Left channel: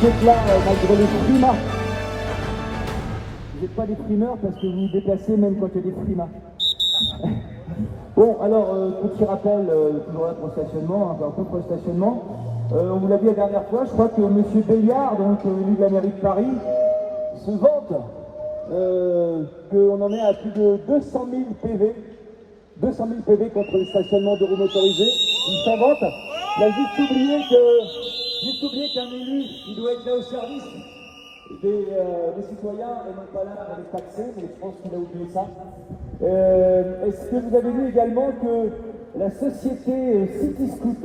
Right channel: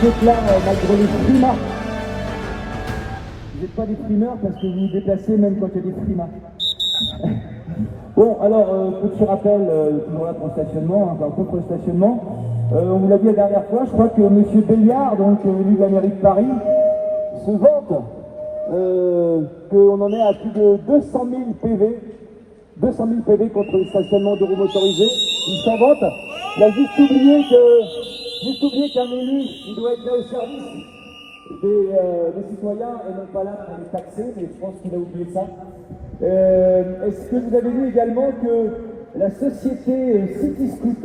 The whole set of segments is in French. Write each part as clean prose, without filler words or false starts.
vous êtes là malgré les frimas. Vous n'êtes pas des frimeurs parce que vous vous déplacez même quand il y a des frimas. Bon, alors, petit rappel, toujours là pour le stationnement, enfin, contre le stationnement. On vous l'a dit la dernière fois, je crois que M. Béliard, donc venu de la mairie de Paris, se vante qu'on en est à plus de 200 000 PV. 200 000 PV contre le stationnement de roues motorisées. Il s'en vante. Il a juste oublié qu'un élu, il doit être là au service des citoyens et non pas là pour les taxer, mais je pense qu'il a oublié ça. Est-ce que vous avez vu également que la société City Scoot,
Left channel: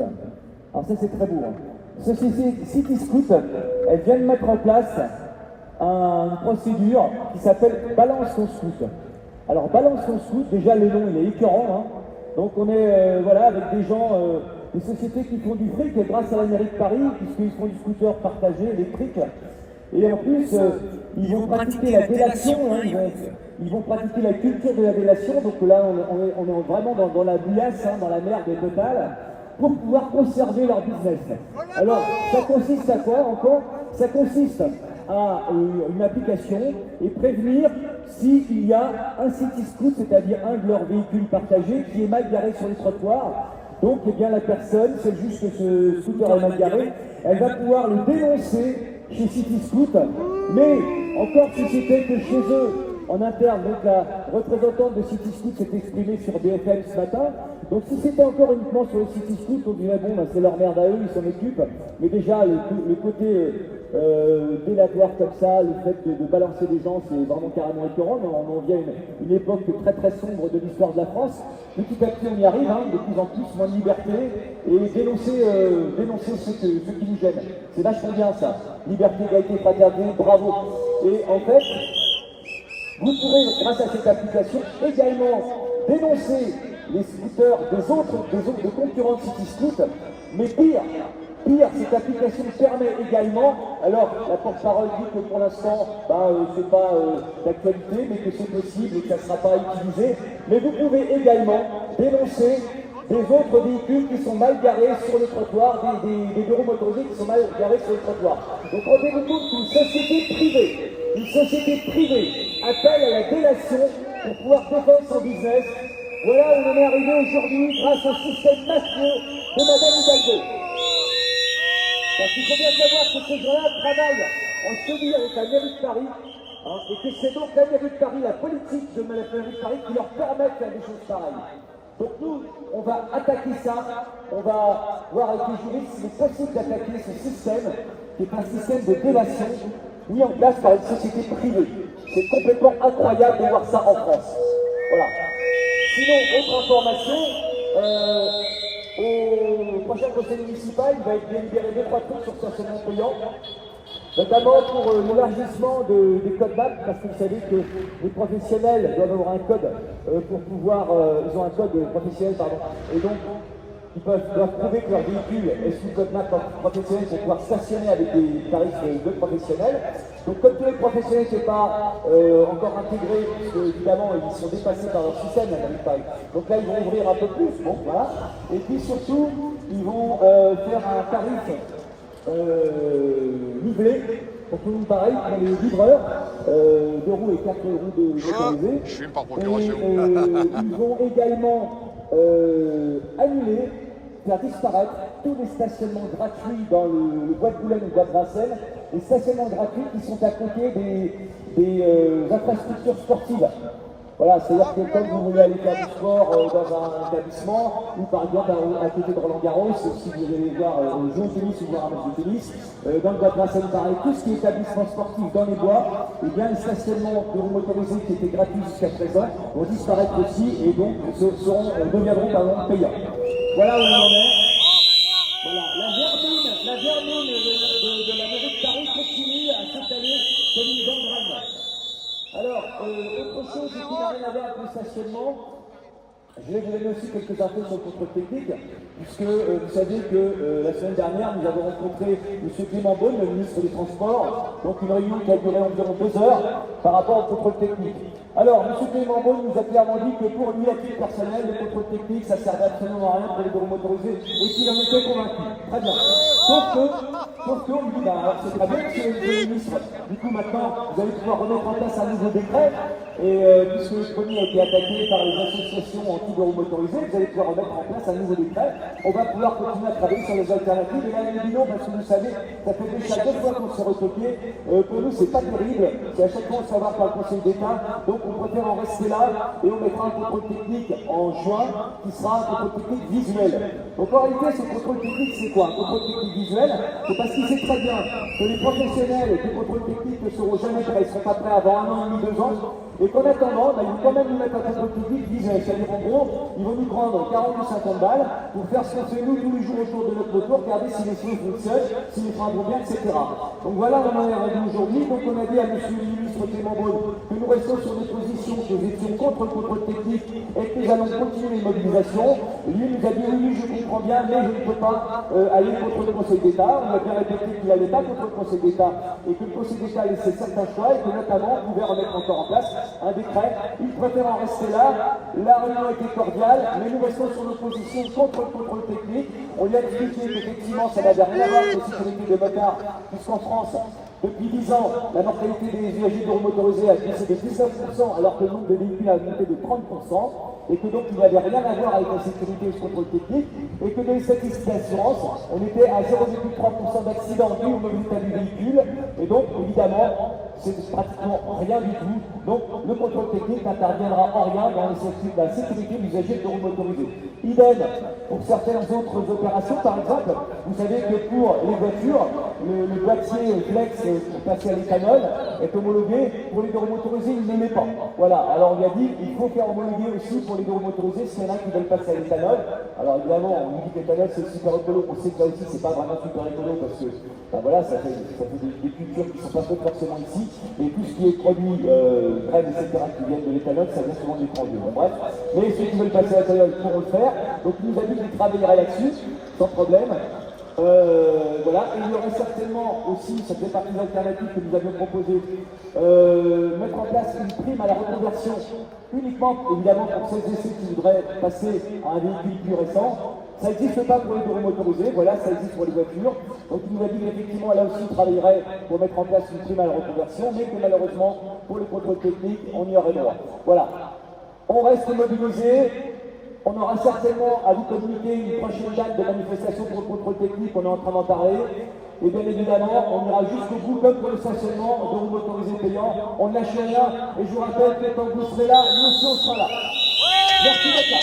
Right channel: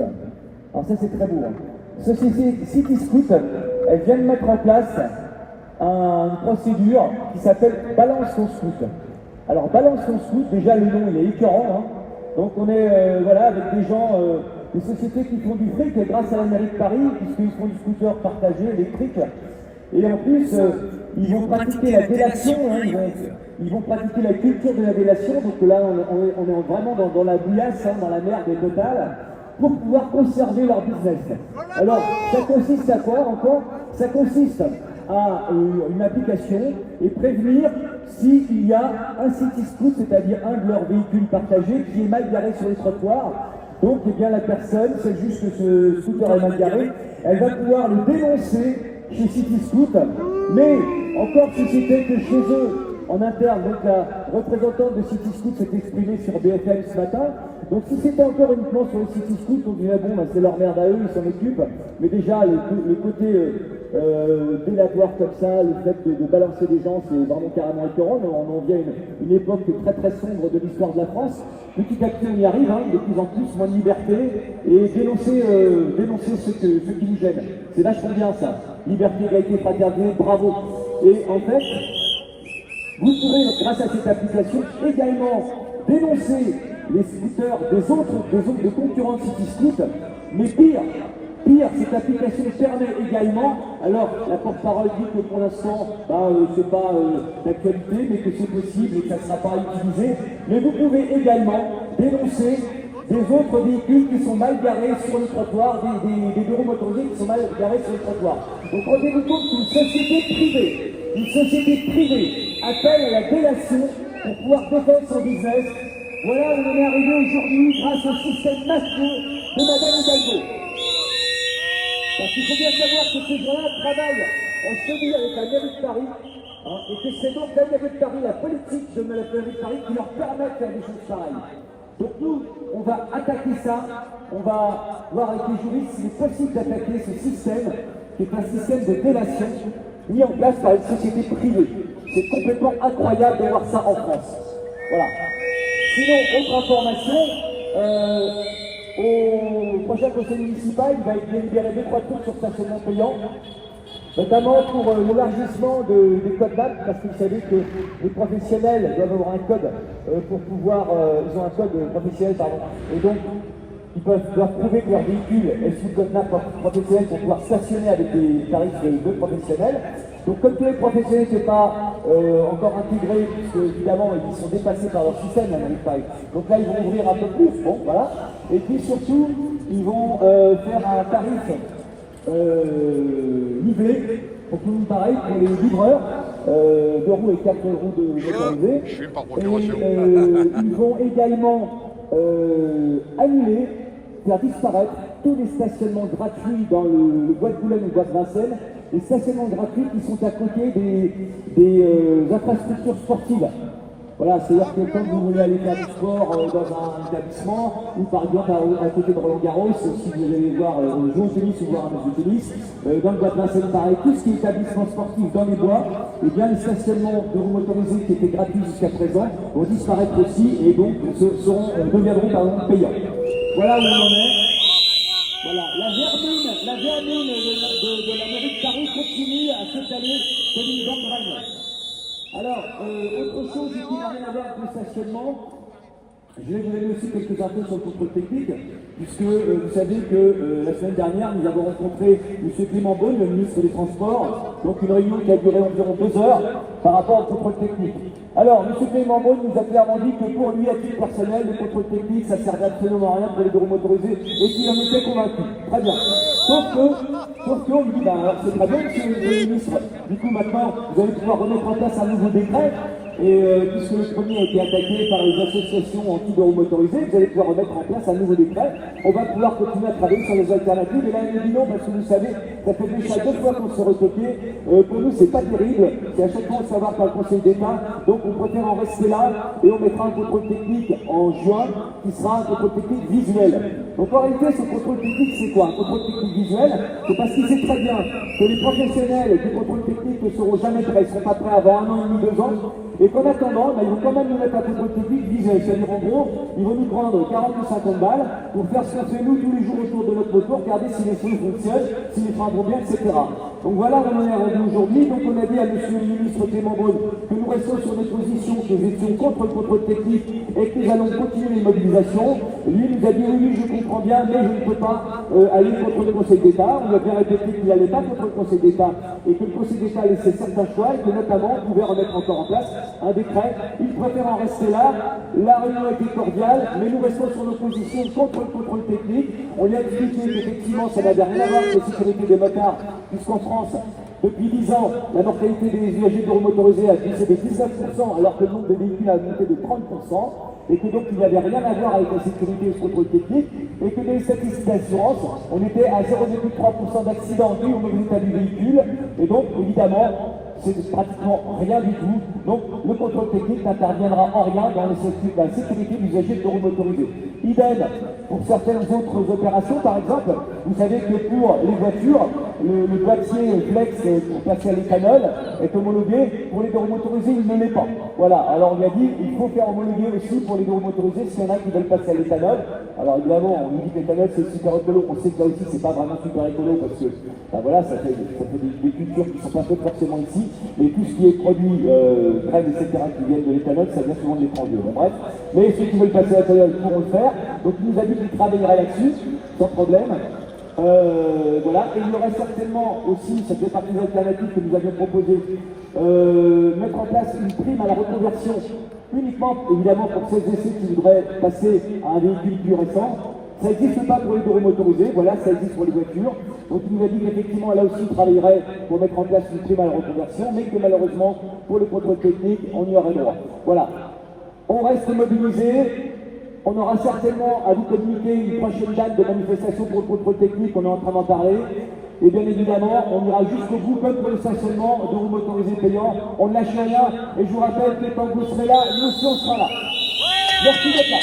alors ça c'est très beau, hein. Société City Scoot, elle vient de mettre en place une procédure qui s'appelle Balance ton Scoot. Alors Balance ton Scoot, déjà le nom il est écœurant, hein. Donc on est voilà, avec des gens, des sociétés qui font du fric grâce à la mairie de Paris, puisqu'ils font du scooter partagé, électrique. Et en plus, ils vont pratiquer la délation, hein, ils vont pratiquer la culture de la délation, donc là on est vraiment dans la bouillasse, hein, dans la merde totale, pour pouvoir conserver leur business. Alors, ça consiste à quoi encore? Ça consiste à une application et prévenir s'il y a un city scoot, c'est-à-dire un de leurs véhicules partagés qui est mal garé sur les trottoirs. Donc, eh bien, la personne, c'est juste que ce scooter est mal garé, elle va pouvoir le dénoncer chez City Scoot, mais encore si c'était que chez eux, en interne, donc la représentante de City Scoot s'est exprimée sur BFM ce matin. Donc si c'était encore uniquement sur les City Scoot, on dirait bon, ben, c'est leur merde à eux, ils s'en occupent. Mais déjà, le côté délatoire comme ça, le fait de balancer des gens, c'est vraiment carrément écœurant. On en vient une époque très très sombre de l'histoire de la France. Petit à petit, on y arrive, hein, de plus en plus, moins de liberté, et dénoncer ceux qui nous gênent. C'est vachement bien ça. Liberté, égalité, fraternité, bravo. Et en fait, vous pourrez, grâce à cette application, également dénoncer les scooters des concurrents de City Scoot, mais pire, cette application permet également, alors la porte-parole dit que pour l'instant, c'est pas d'actualité, mais que c'est possible et que ça ne sera pas utilisé, mais vous pouvez également dénoncer des autres véhicules qui sont mal garés sur le trottoir, des bureaux motorisés qui sont mal garés sur le trottoir. Donc rendez-vous compte qu'une société privée appelle à la délation pour pouvoir défendre son business. Voilà où on est arrivé aujourd'hui grâce au système mafieux de Madame Hidalgo. Parce qu'il faut bien savoir que ces gens-là travaillent en CDI avec la mairie de Paris, hein, et que c'est donc la mairie de Paris, la politique de la mairie de Paris qui leur permet de faire des choses pareilles. Donc nous, on va attaquer ça, on va voir avec les juristes s'il est possible d'attaquer ce système, qui est un système de délation mis en place par une société privée. C'est complètement incroyable de voir ça en France. Voilà. Sinon, autre information, au prochain conseil municipal, il va être délibéré 2-3 trucs sur stationnement payant, notamment pour l'élargissement des codes BAC, parce que vous savez que les professionnels doivent avoir un code pour pouvoir, ils ont un code professionnel, pardon, et donc ils doivent prouver que leur véhicule est sous code NAP professionnel pour pouvoir stationner avec des tarifs de professionnels. Donc comme tous les professionnels ne sont pas encore intégrés, puisque évidemment ils sont dépassés par leur système, donc là ils vont ouvrir un peu plus, bon voilà, et puis surtout ils vont faire un tarif nivelé, pour tout le monde pareil, pour les livreurs, 2 roues et 4 roues de motorisés. Ils vont également annuler, faire disparaître tous les stationnements gratuits dans le bois de Boulogne ou le bois de Vincennes, les stationnements gratuits qui sont à côté des infrastructures sportives. Voilà, c'est-à-dire que quand vous voulez aller faire du sport dans un établissement, ou par exemple à côté de Roland-Garros, si vous allez voir jouer au tennis ou voir un match de tennis, dans le bois de Vincennes pareil, tout ce qui est établissement sportif dans les bois, et bien les stationnements de roues motorisés qui étaient gratuits jusqu'à présent vont disparaître aussi et donc deviendront par exemple payants. Voilà où on en est. Voilà, la vermine de la mairie de Paris continue à s'étaler comme une gangrène. Alors, autre chose qui n'a rien à voir avec le stationnement, Je vais vous donner aussi quelques infos sur le contrôle technique, puisque vous savez que la semaine dernière, nous avons rencontré M. Clément Beaune, le ministre des Transports, donc une réunion qui a duré environ 2 heures par rapport au contrôle technique. Alors, M. Clément Beaune nous a clairement dit que pour lui, à titre personnel, le contrôle technique, ça ne servait absolument à rien pour les bureaux motorisés, et qu'il en était convaincu. Très bien. Sauf qu'on lui dit, ben, alors c'est très bien, monsieur le ministre, du coup maintenant, vous allez pouvoir remettre en place un nouveau décret. Et puisque le premier a été attaqué par les associations anti-bureaux motorisés, vous allez pouvoir remettre en place un nouveau décret. On va pouvoir continuer à travailler sur les alternatives. Et là, il dit non, parce que vous savez, ça fait déjà 2 fois qu'on se retoqué. Pour nous, c'est pas terrible. C'est à chaque fois on se fait avoir par le Conseil d'État. Donc, on préfère en rester là et on mettra un contrôle technique en juin qui sera un contrôle technique visuel. Donc, en réalité, ce contrôle technique, c'est quoi? Un contrôle technique visuel, c'est parce qu'il sait très bien que les professionnels du contrôle technique ne seront jamais prêts. Ils ne seront pas prêts avant 1 an et demi, 2 ans. Et qu'en attendant, ils vont quand même nous mettre un contrôle technique visuel. C'est-à-dire, en gros, ils vont nous prendre 40 ou 50 balles pour faire ce qu'on fait nous tous les jours autour de notre moto, regarder si les choses fonctionnent, si les freins vont bien, etc. Donc voilà, on en est rendu aujourd'hui. Donc on a dit à monsieur le ministre Clément Beaune que nous restons sur des positions, que nous étions contre le contrôle technique et que nous allons continuer une mobilisation. Lui nous a dit oui, je comprends bien, mais je ne peux pas aller contre le Conseil d'État. On a bien répété qu'il n'allait pas contre le Conseil d'État et que le Conseil d'État laissait certains choix et que notamment on pouvait remettre encore en place un décret. Il préfère en rester là. La réunion était cordiale, mais nous restons sur nos positions contre le contrôle technique. On lui a expliqué qu'effectivement ça n'avait rien à voir avec la sécurité des motards, puisqu'en France, depuis 10 ans, la mortalité des usagers de motorisés a baissé de 19%, alors que le nombre de véhicules a augmenté de 30%, et que donc il n'avait rien à voir avec la sécurité et le contrôle technique, et que dans les statistiques d'assurance, on était à 0,3% d'accidents dus au mauvais état du véhicule, et donc évidemment, c'est pratiquement rien du tout. Donc le contrôle technique n'interviendra en rien dans la sécurité des usagers de motorisés. Idem pour certaines autres opérations, par exemple, vous savez que pour les voitures, le boîtier flex pour passer à l'éthanol est homologué. Pour les motorisés, il ne l'est pas. Voilà, alors on lui a dit il faut faire homologuer aussi pour les motorisés s'il y en a qui veulent passer à l'éthanol. Alors évidemment, on nous dit que l'éthanol c'est super écolo. On sait que là aussi c'est pas vraiment super écolo parce que ben voilà, ça fait des cultures qui sont pas faites forcément ici. Et tout ce qui est produit, graines, etc., qui viennent de l'éthanol, ça vient souvent de l'étranger. Bon, bref, mais ceux qui veulent passer à l'éthanol pourront le faire. Donc il nous a dit qu'il travaillerait là-dessus, sans problème. Voilà, et il y aurait certainement aussi, ça fait partie des alternatives que nous avions proposées, mettre en place une prime à la reconversion, uniquement évidemment pour ceux et ceux qui voudraient passer à un véhicule plus récent. Ça n'existe pas pour les bureaux motorisés, voilà, ça existe pour les voitures. Donc il nous a dit qu'effectivement, là aussi, il travaillerait pour mettre en place une prime à la reconversion, mais que malheureusement, pour le contrôle technique, on y aurait droit. Voilà. On reste mobilisés. On aura certainement à vous communiquer une prochaine date de manifestation pour le contrôle technique, on est en train d'en parler. Et bien évidemment, on ira jusqu'au bout, comme pour le stationnement de roues motorisées payants. On ne lâche rien, et je vous rappelle que quand vous serez là, nous aussi on sera là. Merci d'être là.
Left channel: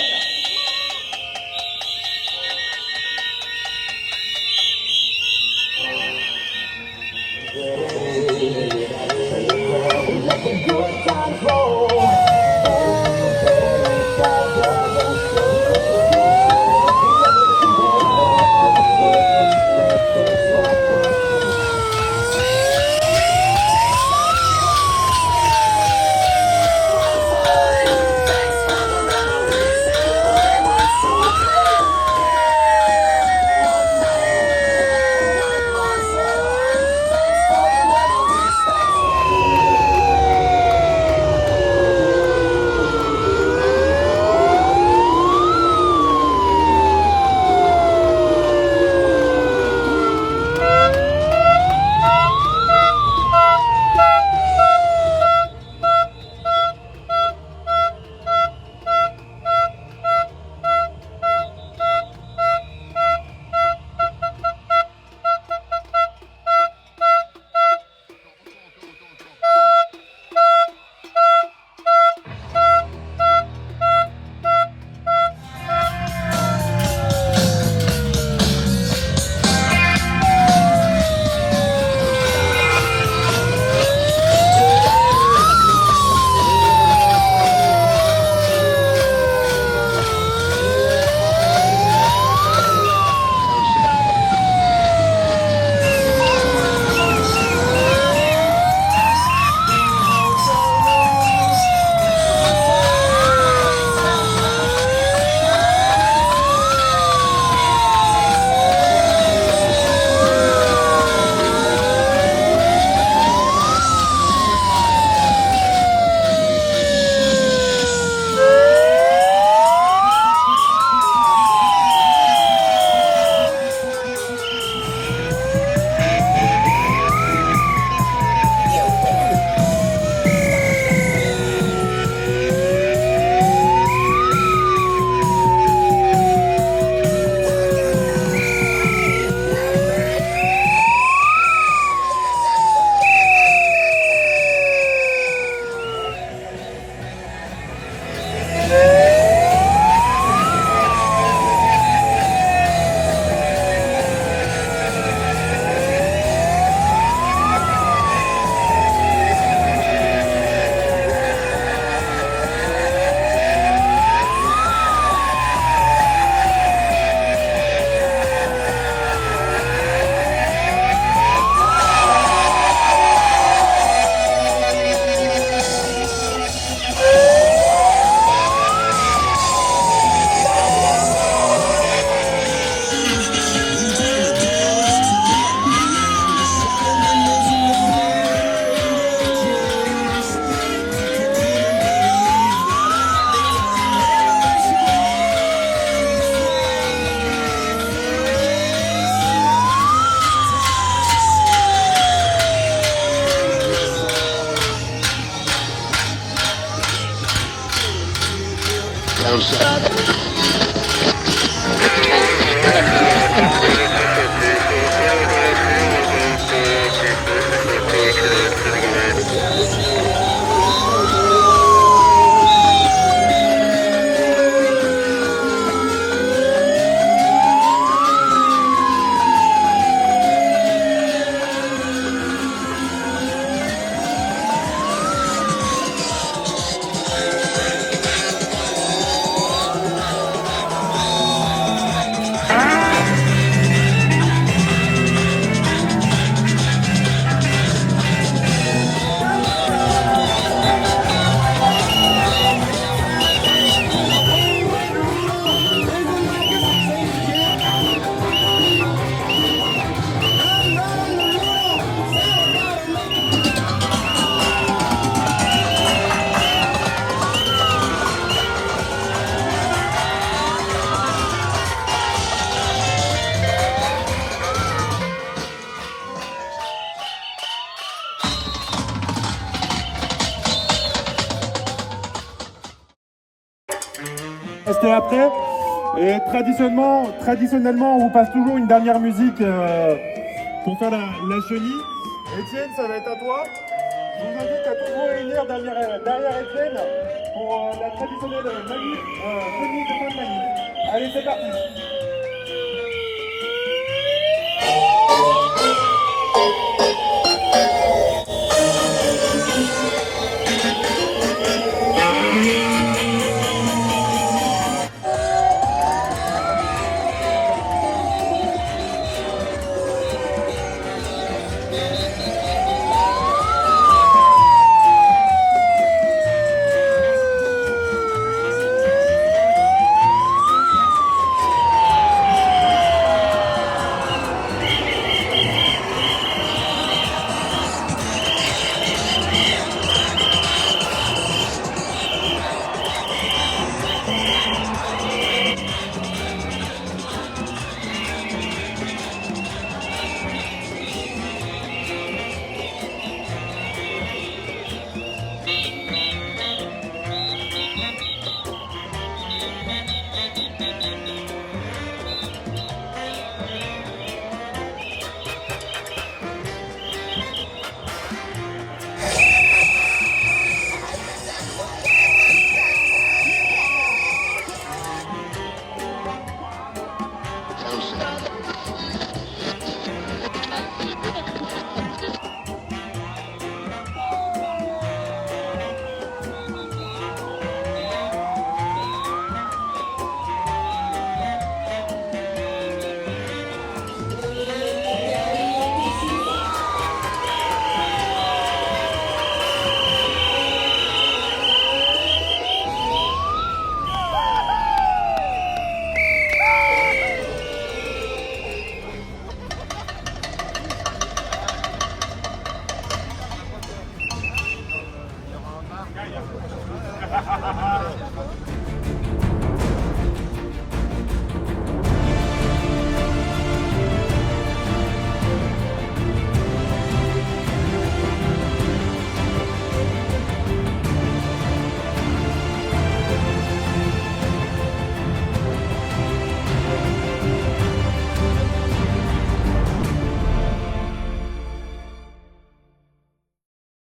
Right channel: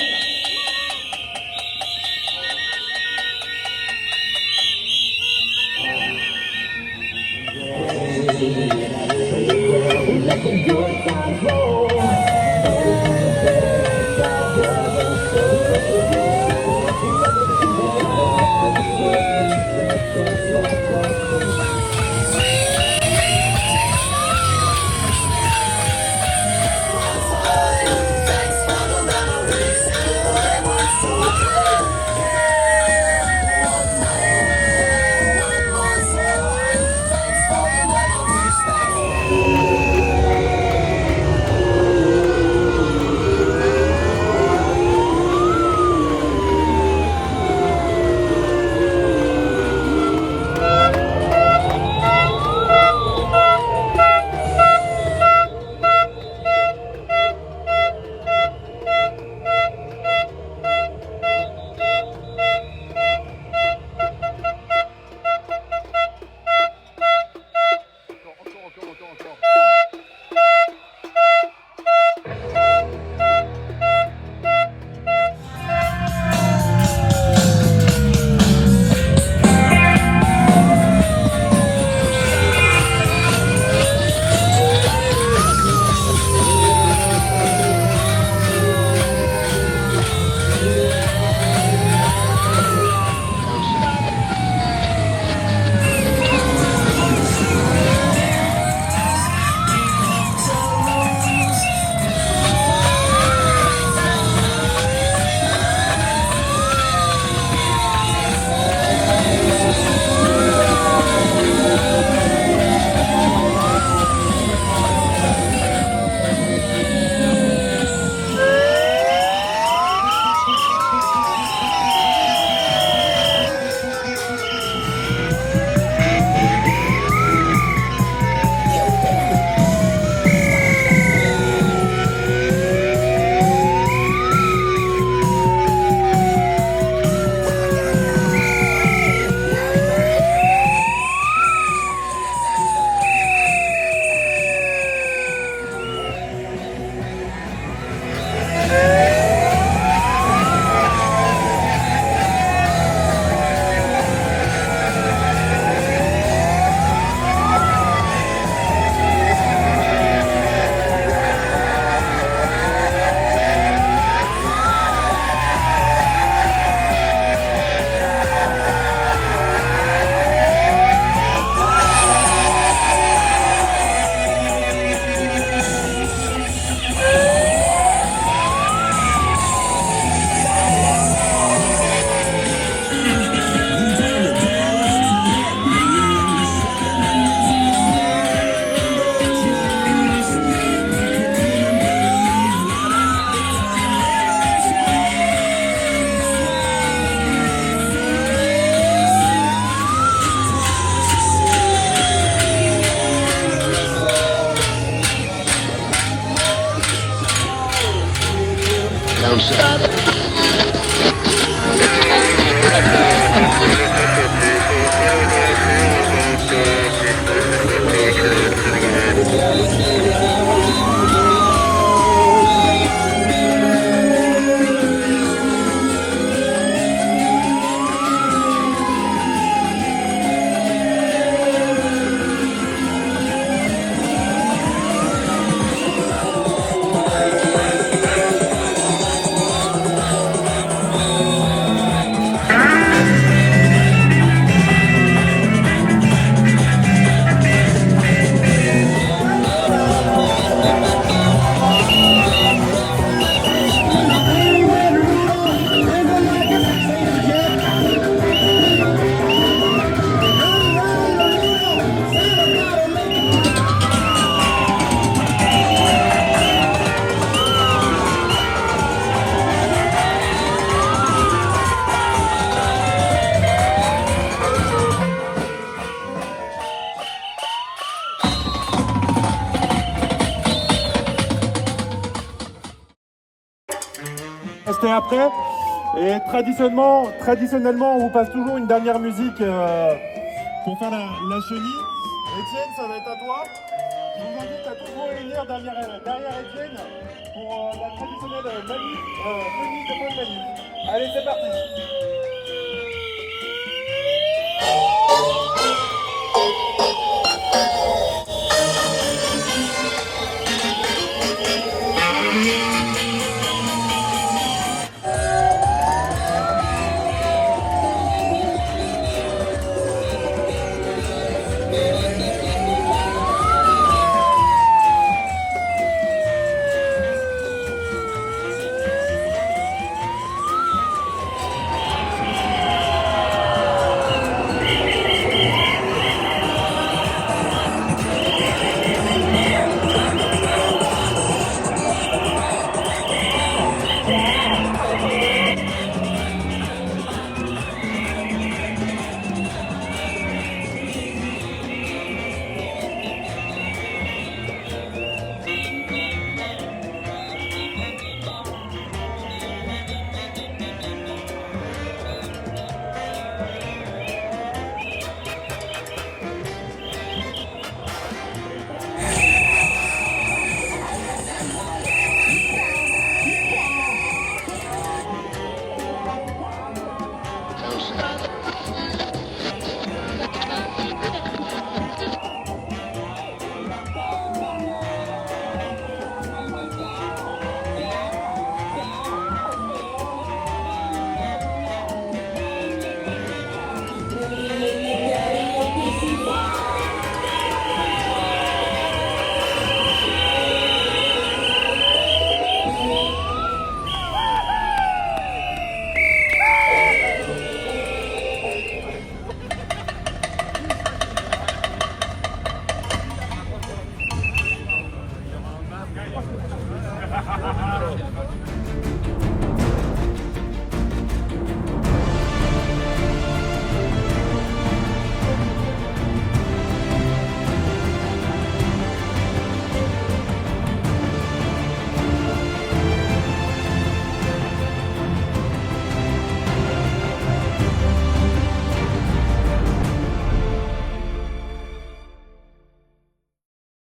C'était après. Et traditionnellement, on vous passe toujours une dernière musique pour faire la chenille. Étienne, ça va être à toi. Je vous invite à toujours venir derrière Étienne pour la traditionnelle chenille de fin de Mani. Allez, c'est parti.